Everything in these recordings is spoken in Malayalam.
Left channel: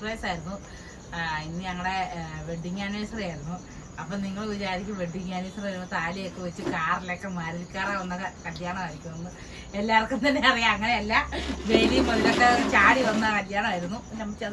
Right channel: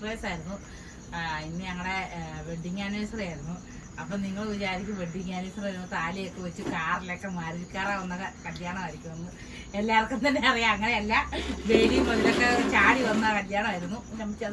സർപ്രൈസ് ആയിരുന്നു. ഇന്ന് ഞങ്ങളുടെ വെഡിങ് ആനിവേഴ്സറി ആയിരുന്നു. അപ്പൊ നിങ്ങൾ വിചാരിക്കും വെഡിങ് ആനിവേഴ്സറി വരുമ്പോൾ താലിയൊക്കെ വെച്ച് കാറിലൊക്കെ മാരുതിക്കാറ വന്ന കല്യാണമായിരിക്കും എന്ന്. എല്ലാവർക്കും തന്നെ അറിയാം. അങ്ങനെയല്ല വേലിയും മുതലൊക്കെ ചാടി വന്ന കല്യാണമായിരുന്നു. നമുക്ക്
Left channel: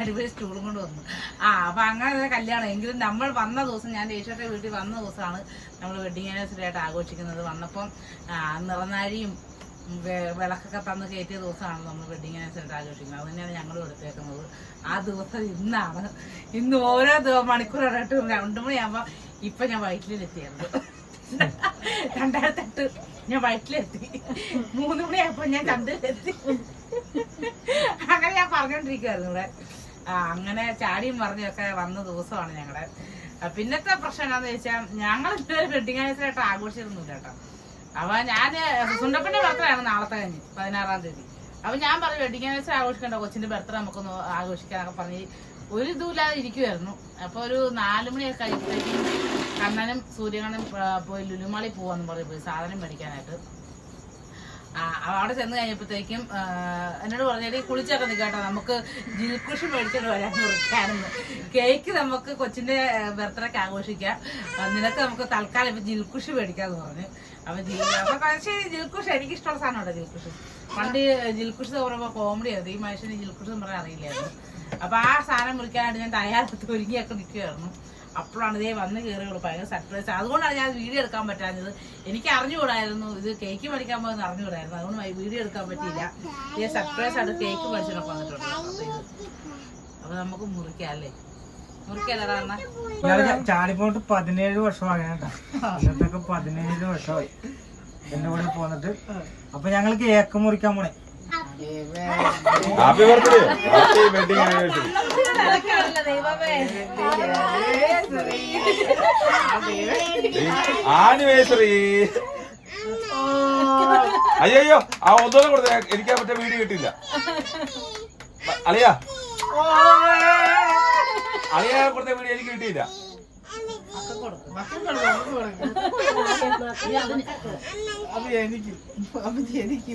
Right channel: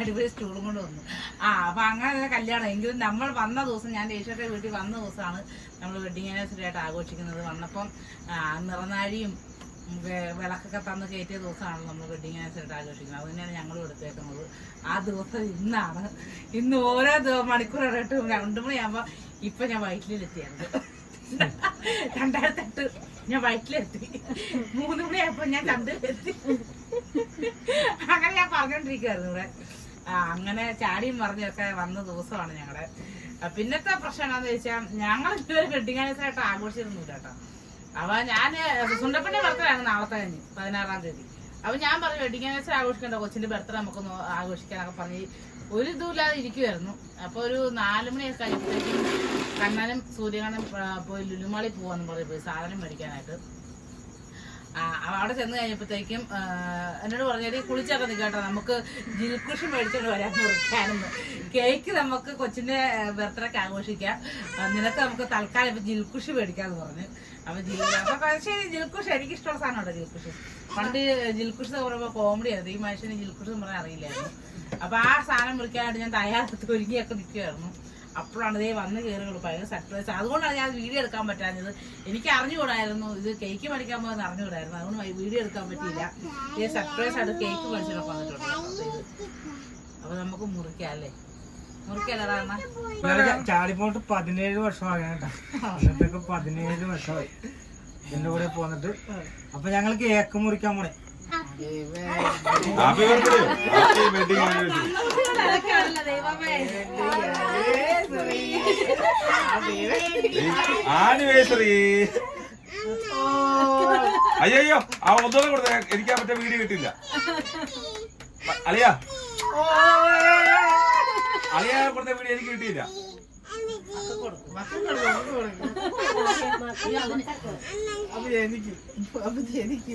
അടിപൊളി സ്റ്റൂളും കൊണ്ട് വന്നു. ആ അപ്പൊ അങ്ങനെ കല്യാണം. എങ്കിലും നമ്മൾ വന്ന ദിവസം ഞാൻ ഈശ്വരന്റെ വീട്ടിൽ വന്ന ദിവസമാണ് നമ്മൾ വെഡിങ് ആനിവേഴ്സറി ആയിട്ട് ആഘോഷിക്കുന്നത്. വന്നപ്പം നിറനാഴിയും വിളക്കൊക്കെ തന്ന് കയറ്റിയ ദിവസമാണ് നമ്മൾ വെഡിങ് ആനിവേഴ്സറി ആഘോഷിക്കുന്നത്. അത് തന്നെയാണ് ഞങ്ങൾ എടുത്തേക്കുന്നത്. ആ ദിവസം ഇന്നാണ്. ഇന്ന് ഓരോ മണിക്കൂർ മണിക്കൂറായിട്ട് രണ്ടു മണിയാകുമ്പോ ഇപ്പൊ ഞാൻ വയറ്റിലെത്തിയായിരുന്നു. രണ്ടായിരത്തെട്ട് ഞാൻ വയറ്റിലെത്തി. മൂന്ന് മണിയായപ്പോ ഞാൻ ചന്തയിലെത്തി. അങ്ങനെ ഞാൻ പറഞ്ഞോണ്ടിരിക്കുവായിരുന്നു ഇവിടെ. അങ്ങനെ ചാടിയും മറിഞ്ഞൊക്കെ വന്ന ദിവസമാണ് ഞങ്ങളുടെ പിന്നത്തെ പ്രശ്നം എന്താണെന്ന് ചോദിച്ചാൽ ഞങ്ങൾ ഇതുവരെ വെഡിങ് ആനിവേഴ്സറി ആയിട്ട് ആഘോഷിച്ചിരുന്നില്ല കേട്ടോ. അപ്പൊ ഞാൻ സുണ്ടപ്പന്റെ ബർത്ത്ഡേ ആണ് നാളത്തെ കഴിഞ്ഞ് പതിനാറാം തീയതി. അപ്പൊ ഞാൻ പറഞ്ഞു വെഡിങ് ആനിവേഴ്സറി ആഘോഷിക്കണ്ട കൊച്ചിന്റെ ബർത്ത്ഡേ നമുക്കൊന്ന് ആഘോഷിക്കാനൊക്കെ പറഞ്ഞ് ഒരു ഇതുമില്ലാതെ ഇരിക്കുമായിരുന്നു അപ്പൊ ഒരു നാലു മണിയൊക്കെ കഴിയുമ്പോഴത്തേക്കും കണ്ണനും സൂര്യകണ്ണനും പോയി ലുലുമാളി പോവാന്ന് പറഞ്ഞു പോയി സാധനം മേടിക്കാനായിട്ട്. അവിടെ ചെന്ന് കഴിഞ്ഞപ്പോഴത്തേക്കും എന്നോട് പറഞ്ഞാൽ കുളിച്ചൊക്കെ നിൽക്കാട്ടോ നമുക്ക് ജിൽക്കുഷി മേടിച്ചോണ്ട് വരാൻ മുറിക്കാനെന്ന്. കേക്ക് നമുക്ക് കൊച്ചിന്റെ ബർത്ത്ഡേക്ക് ആഘോഷിക്കാം. നിനക്ക് നമുക്ക് തൽക്കാലം ഇപ്പൊ ജിൽക്കുഷി മേടിക്കാന്ന് പറഞ്ഞു. അപ്പൊ ശരി ജിൽക്കുഷി എനിക്ക് ഇഷ്ടമുള്ള സാധനമുണ്ട് ജിൽക്കുഷ് പണ്ട് ജിൽക്കുഷ് എന്ന് പറയുമ്പോ കോമഡി ആയിരുന്നു. ഈ മനുഷ്യന് ജിൽക്കുഷ് എന്ന് പറഞ്ഞാൽ അറിയില്ലായിരുന്നു. അപ്പൊ ആ സാധനം മുറിക്കാനായിട്ട് ഞാൻ തയ്യാറെടുത്ത് ഒരുങ്ങിയൊക്കെ നിൽക്കുകയായിരുന്നു അപ്പോഴാണ് ഇതേ വന്ന് കയറിയുള്ളൂ ഭയങ്കര സർപ്രൈസ് അതുകൊണ്ടാണ് ഞാൻ വീഡിയോ എടുക്കാൻ പറ്റാഞ്ഞത്. എനിക്ക് അറിഞ്ഞുകൂടായിരുന്നു. ഇത് കേക്ക് മേടിക്കാൻ പോകുന്ന അറിഞ്ഞുകൂടായിരുന്നു. അതുകൊണ്ട് വീഡിയോ എടുക്കാൻ പറ്റിയില്ല. ഈ സർപ്രൈസ് ആണ് കേക്ക് മേടിച്ചിട്ട് വന്നിട്ടുണ്ട് അപ്പൊ നമുക്ക് മുറിക്കാം അല്ലേ? ചാടിപ്പോട്ട് പതിനേഴ് വർഷം ഇന്നത്തൊക്കെ പതിനേഴ് വർഷമായി. എന്റെ കൂടെ പോന്നിട്ട്. അപ്പൊ ഞങ്ങൾ കേക്ക് മുറിക്കാൻ പോണേ. Happy birthday happy wedding anniversary anniversary അയ്യോ ആ ഒന്നുകൂടെ കൊടുത്ത. എനിക്ക് മറ്റേ വീഡിയോ കിട്ടില്ല അളിയാ. അളിയാ കൊടുത്ത വീഡിയോ എനിക്ക് കിട്ടിയില്ല. അപ്പൊ എനിക്ക് അപ്പൊ എനിക്ക്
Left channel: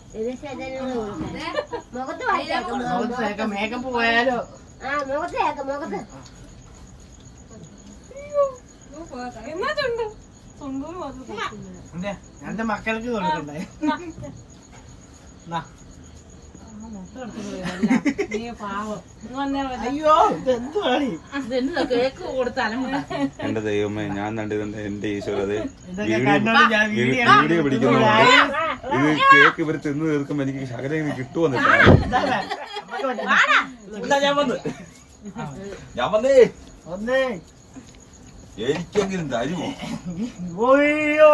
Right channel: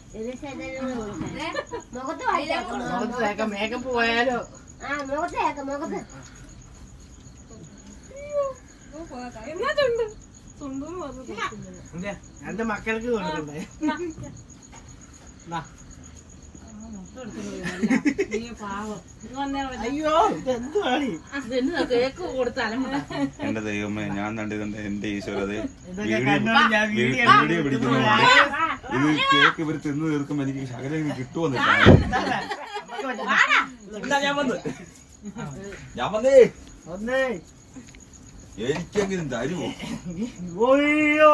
മുഖത്ത് മേക്കപ്പ് പോയാലോ? ആ മുഖത്ത് കേക്കാം മുഖത്ത്. എന്റെ മക്കൾക്ക് കൊടുക്കണ്ടേ നീ. പാവം. ഇങ്ങ് വന്നേ വല്ല. അയ്യോ ഇതെന്തുവാണ് ഇതെന്നതാ കേക്ക് കൊടുത്താലും എന്റെ ദൈവമേ ഞാൻ കണ്ടത് എന്റെ ഈശ്വരത് പിടിക്കുന്നു വീഡിയോ വീഡിയോ പിടിക്കുന്നുണ്ട്. ഇത് കേക്ക് ഇവർ തിന്ന് തീർക്കുമ്പോ എനിക്ക് ശകലം എന്താ ഞാൻ വന്ന്. ഞാൻ വന്നേ. വന്നേ. എനിക്കെങ്കിലും തരുമോ? ഓയ്യോ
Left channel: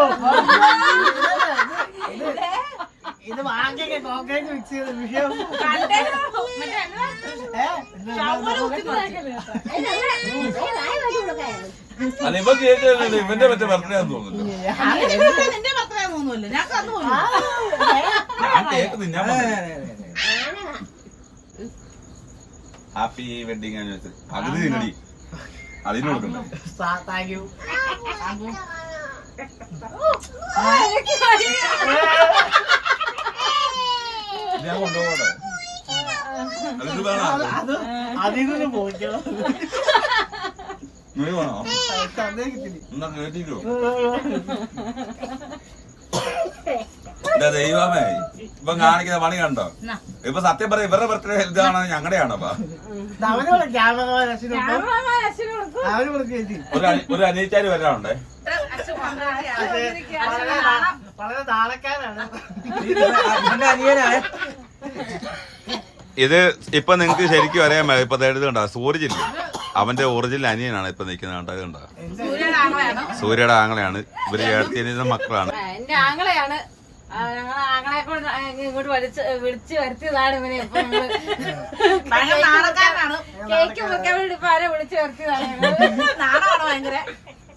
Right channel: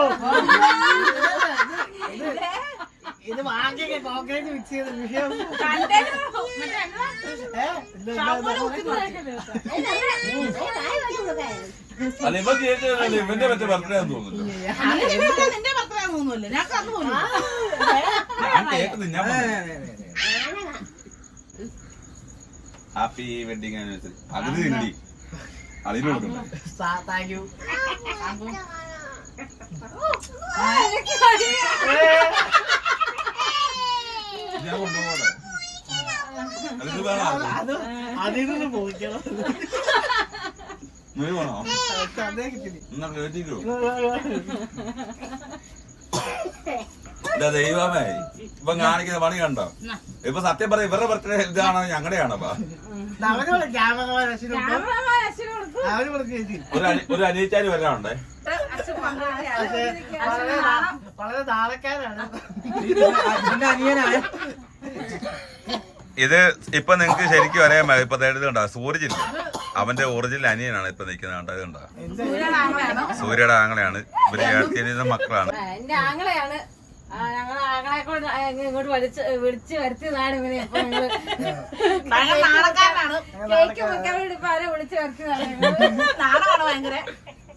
ഇത് വാങ്ങിയൊക്കെ കോൺക്രീറ്റ് മിക്സ് ചെയ്ത വിഷയം. അല്ല ഇവ കേക്ക് ഇവന്റെ മറ്റേ ബർത്ത്ഡേ ആണെന്ന് തോന്നുന്നു തോന്നുന്നില്ല ഞാൻ കന്നു തിന്നാൻ ഹാപ്പി വെഡിങ് ആനിവേഴ്സറി പകുതി തിന്നടി. അതിന് കൊടുക്കണ്ട. സാ- താങ്ക് യു ഞാൻ കൊണ്ടുപോകട്ടെ. അത് അതിൽ നിന്ന് പോയിക്കണം നീ വേണോ? അതേ കിട്ടില്ല. എന്നാ കേട്ടിട്ടോ എന്റെ ദൈവമേ ഇപ്പൊ കാണിക്കുന്ന പണി കണ്ടോ? ഇപ്പൊ സത്യം പറയാം ഇവരുടെ ബർത്ത്ഡേ ഇതാണോ ഞങ്ങളുടെയാണോ ഒരു അനി- ഒരു അനിയച്ചാര് വരാനുണ്ടേ? വളരെ നാളക്കാരാണ് അനിയനാണ്. ഇത് ഇപ്പൊ നിങ്ങക്ക് ശരിക്കും അറിയാൻ മേല ഇപ്പൊ ഇത് കണ്ടോ? സൂരജ് ഇല്ലേ അവന്റെ ഒറിജിനൽ അനിയനാണ് ഇപ്പൊ നിൽക്കുന്നത് കണ്ടോ? സൂര്യനാങ്ങളാണ് സൂര്യയുടെ ആങ്ങളെയാണ്? ഇവർ ഏഴത്തിയനിയുടെ മക്കളാണ്. എന്റെ ആങ്ങളെയാണ്. ആ, ഞങ്ങളെ ആങ്ങളെ കൊണ്ട് ഇങ്ങോട്ട് വിളിച്ച് വിളിച്ച് വരുത്തിയതാണ് ഇവനെ ഇപ്പൊ കേക്ക് വെക്കാൻ വേണ്ടി ഇപ്പൊ ആരെ വിളിച്ച് വരുത്തിയതാണ് ഞങ്ങൾ. നാണമാണ് ഭയങ്കര.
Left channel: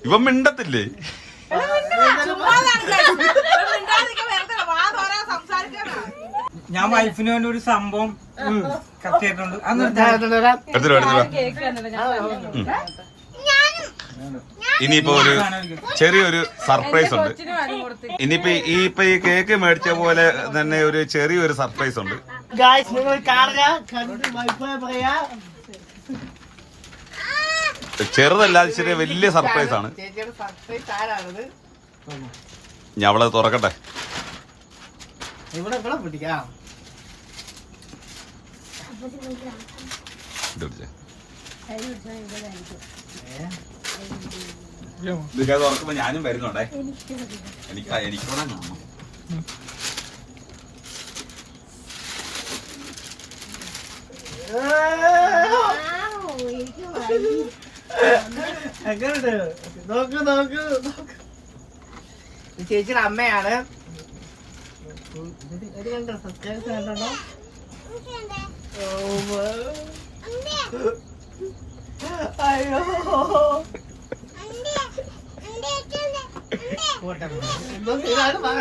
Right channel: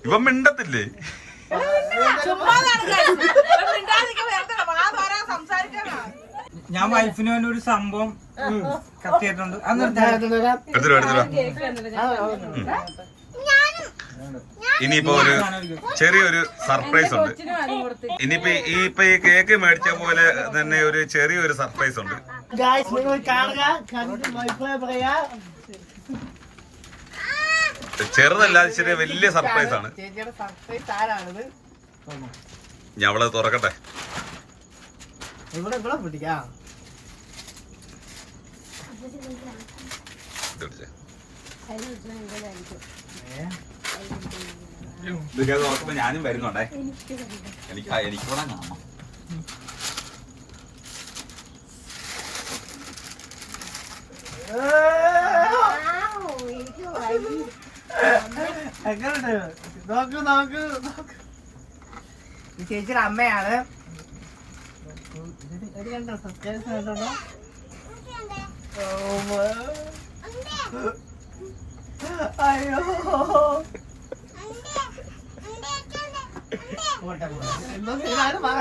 ഇവൻ മിണ്ടത്തില്ലേ? ഞാൻ വൈഫിന് വേണ്ടി ഒരു സംഭവം കത്തിയിട്ടുണ്ട്. അന്ന് എടുത്തോ. എടുത്തിട്ട് എടുത്തിട്ട് കേക്ക് കണ്ടില്ല ഞാൻ പറഞ്ഞു. ഇനിയിപ്പോ ഒരു ചെറിയൊരു സർപ്രൈസ് ഉണ്ട്. ഇനിയിപ്പോ ഈ ഇപ്പൊ ഈ കേക്ക് മേടിച്ച പോലെ തന്നെ ഒരു ചെറിയൊരു സർപ്രൈസ് ഉണ്ട്. ചെറുതല്ലാതെ നിങ്ങൾ കാണുക കണ്ട് അഭിപ്രായം പറയാ. ചെറുതല്ല അത് ചെറിയ വലിയ സർപ്രൈസ് ആണ്. ചേച്ചിയുടെ സർപ്രൈസ് ആരാണത്? ഞാൻ അവളെ തുറക്കട്ടെ. ഇവിടെ ഇവിടെ പിടിക്കാം. ഇതൊക്കെ തുറക്കുമ്പോ ഞാനും വരുന്നുണ്ടേ. എനിക്ക് എനിക്കൂടെ കാണണം. നോക്ക് നോക്ക് നോക്ക്. ചേച്ചിയുടെ അമ്മയാണ്. ഇത് കണ്ടോ സബ്സ്ക്രൈബ് കണ്ടോ? അയ്യോ പോട്ടെ എന്തോ ചെയ്താണ് പറ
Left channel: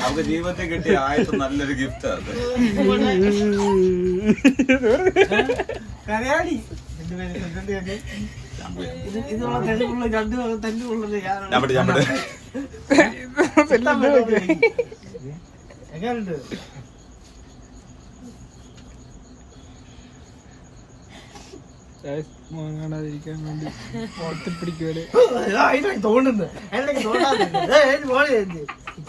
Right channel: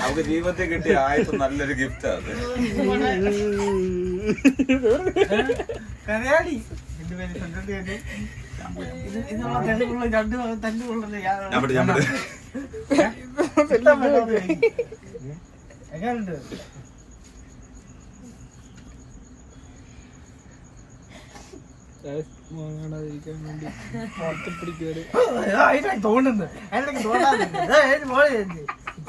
അവർക്ക് ജീവിതത്തിൽ കിട്ടിയ ആയിട്ട് നല്ലൊരു ഗിഫ്റ്റ് അത്. കരയാടി. രണ്ടു പേര് രണ്ട് തല്ലുള്ളത് ഞാൻ വിട്ടു, ഞാൻ വിട്ടു. ഇഷ്ടം വേണ്ടത് എങ്ങനെയുണ്ട് തോന്നുന്നു എന്തൊക്കെ തോന്നാതെ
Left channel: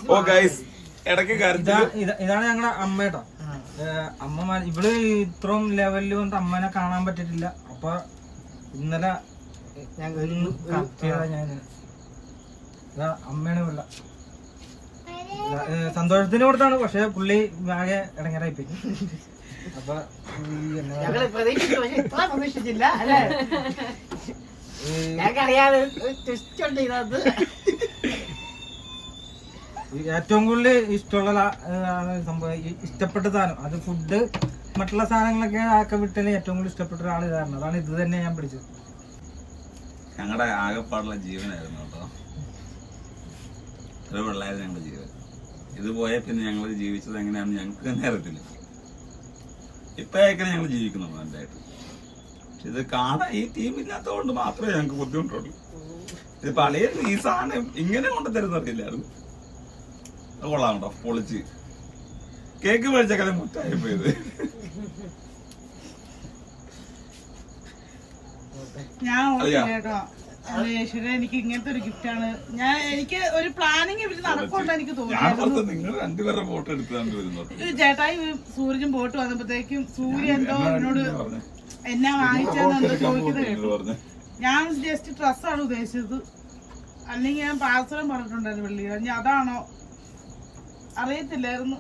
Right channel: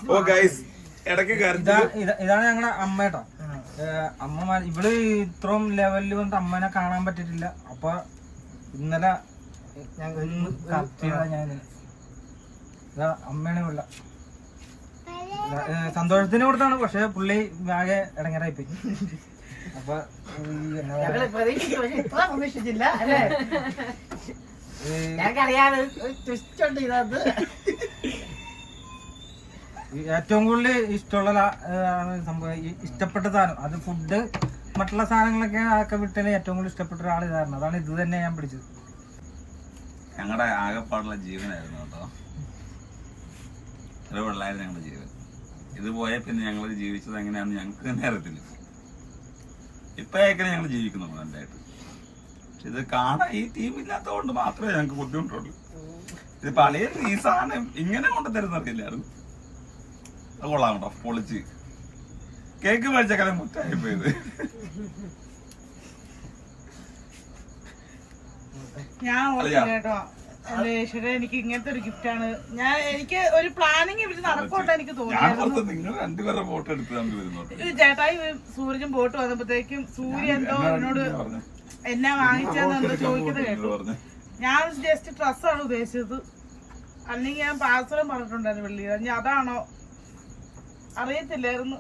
ഓ ഗൈസ് ഇടയ്ക്ക് ഇതാ കരുതാ ഇതാ- ഇതാണ് ഞങ്ങളുടെ അമ്മേട്ടോ അമ്മമാർ അമ്മ ഇവൾ ഇത്രയും ലെവലിൽ വന്നിട്ട് അമ്മനെ കാണാൻ പറ്റിയിട്ടില്ല. അപ്പൊ ഇന്നലെ ഞാൻ ഒന്ന് കത്തിയതാ ഞാൻ ഇതാ അമ്മയാണ് വെള്ള സന്തോഷത്തിന് കൊടുത്താണ്. പക്ഷെ പുള്ളി ആകെ ഇടങ്ങറായിപ്പിക്കും അപ്പൊ ഈ എന്നാ പറയാ, ഞങ്ങൾ പ്രതീക്ഷിച്ചു പക്ഷെ ഇത്ര പ്രതീക്ഷിച്ചില്ല അല്ലേ? ഈ ഞങ്ങൾക്കറിയാതെ ട്വിസ്റ്റ് ഉണ്ട് ഇതിനകത്ത്. ഈ ഏറ്റവും കൂടുതൽ ഇഷ്ടമുള്ള ആണ് സംഭവം ഇഷ്ടപ്പെട്ട സാധനം. അത് ഫുഡ് മറ്റുള്ള സാധനങ്ങളൊക്കെ ആക്കെ വിട്ടതിന് ഏറ്റവും കൂടുതൽ ഇഷ്ടപ്പെട്ട ഒരാൾ ഇതായിരുന്നു. അതാണ് ഇത് തന്നെ ഞാൻ പിടിച്ചത്. ഞങ്ങളുടെ ആകെപ്പാടുള്ള ജീവനായിരുന്നു കേട്ടോ. ഒരു പിള്ളേരും ഞങ്ങളുടെ ജീവൻ. ഇത് പോയ പിന്നെ ഞങ്ങൾ ജീവിച്ചത് എങ്ങനെയാണെന്ന് ഞങ്ങൾക്ക് തന്നെ അറിയത്തില്ല. ഇപ്പോഴേക്കാണ് ഞങ്ങൾ ജീവിക്കുന്നത് നല്ലതായിട്ട്. പക്ഷെ ഇത് കാണാൻ ഈ ടീം ഇല്ലാത്തതുകൊണ്ട് മാത്രമേ ഞങ്ങൾക്ക് ബുദ്ധിമുട്ടുള്ളൂ. ഇത് പഴയ ഈ സാധനം ഇങ്ങനെ കൊണ്ട് തരുന്നറിയില്ലായിരുന്നു അത് കൊള്ളാം കേട്ടോ പൊളിച്ച്. കേക്ക് മേടിച്ച കല മുറ്റായി പോയത് ഞാൻ കേട്ടോ. എനിക്ക് ഇങ്ങനത്തെ ഒരു ഗിഫ്റ്റ് ആണ്. ഞാൻ എനിക്ക് ഒരു പ്ലാനിങ് ഇവർ നടക്കുമെന്ന് എനിക്ക് നിങ്ങൾ രണ്ടുപേരുടെ ഫോട്ടോ ചേട്ടായി ബോട്ട് വന്നപ്പോഴത്തേക്കും സൂര്യ എന്തോ എന്നോട് പറഞ്ഞു? എന്നെ വാങ്ങിച്ചെന്ന് ചോദിക്കുന്നത് കേട്ടു. ഞാൻ ജസ്റ്റ് ഡ്രസ്സാണ് ഉദ്ദേശിച്ചത്. അല്ലെങ്കിൽ ഞാൻ പാർസലും പറഞ്ഞിട്ടുണ്ടായിരുന്നു വെള്ളി അതാണോ? അറിയത്തില്ലായിരുന്നു.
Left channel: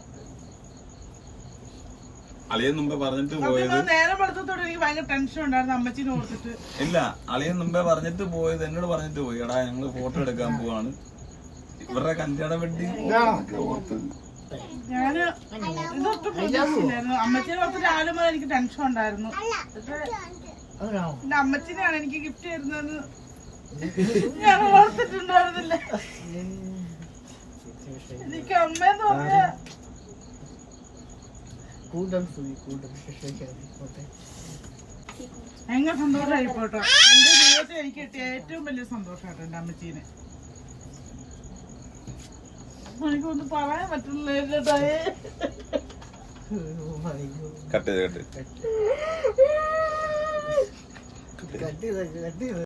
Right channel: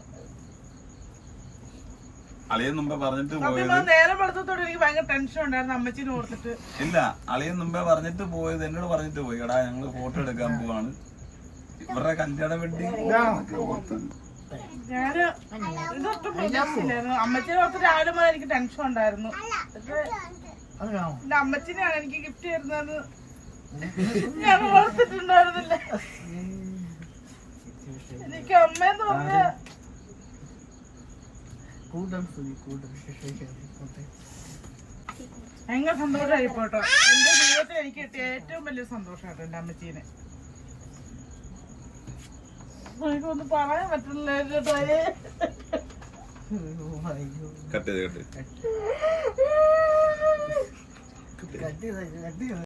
അളിയൻ മുമ്പേ പറഞ്ഞിട്ട് പോയത് നേരെ വെളുത്തത്തോടെ എനിക്ക് ഭയങ്കര ടെൻഷൻ ഉണ്ടായിരുന്നു അമ്മച്ചിനെ ഓർത്തിട്ട്. ഇല്ല അളിയൻ മുമ്പേ പറഞ്ഞിട്ട് പോയത് എന്നോട് പറഞ്ഞിട്ട് പോയി. എടാ ഞങ്ങൾ ഫോട്ടോ എടുക്കാൻ പോവാണ്. ഇവരുടെ കല്യാണ ഓർത്ത് ഞാൻ ഇതൊട്ടും പ്രതീക്ഷിച്ചില്ലായിരുന്നു. അമ്മച്ചിനെ ഓർത്ത് രാവിലെ മുതൽ എനിക്ക് ടെൻഷൻ ഉണ്ടായിരുന്നു. എന്റെ അമ്മച്ചിനെയാണ് എനിക്ക് ഗിഫ്റ്റ് തരുന്നത് ഞാൻ ഓർത്തിട്ടുണ്ടായിരുന്നില്ല. എനിക്ക് അമ്മയെന്ന് പറഞ്ഞ കൂട്ടം സുഖി കൂട്ടം ആയിക്കോട്ടെ ഭയങ്കര സന്തോഷമായി പോട്ടോ. എന്റെ ജീവിതത്തിൽ എനിക്ക് കിട്ടിയ ഏറ്റവും വലിയ സന്തോഷമാട്ടോ എന്റെ അമ്മച്ചീനെ. എനിക്കൊന്നും പറയാൻ ചെയ്ത് കട്ട് ചെയ്ത്. കട്ട് ചെയ്ത് കട്ട് ചെയ്ത്.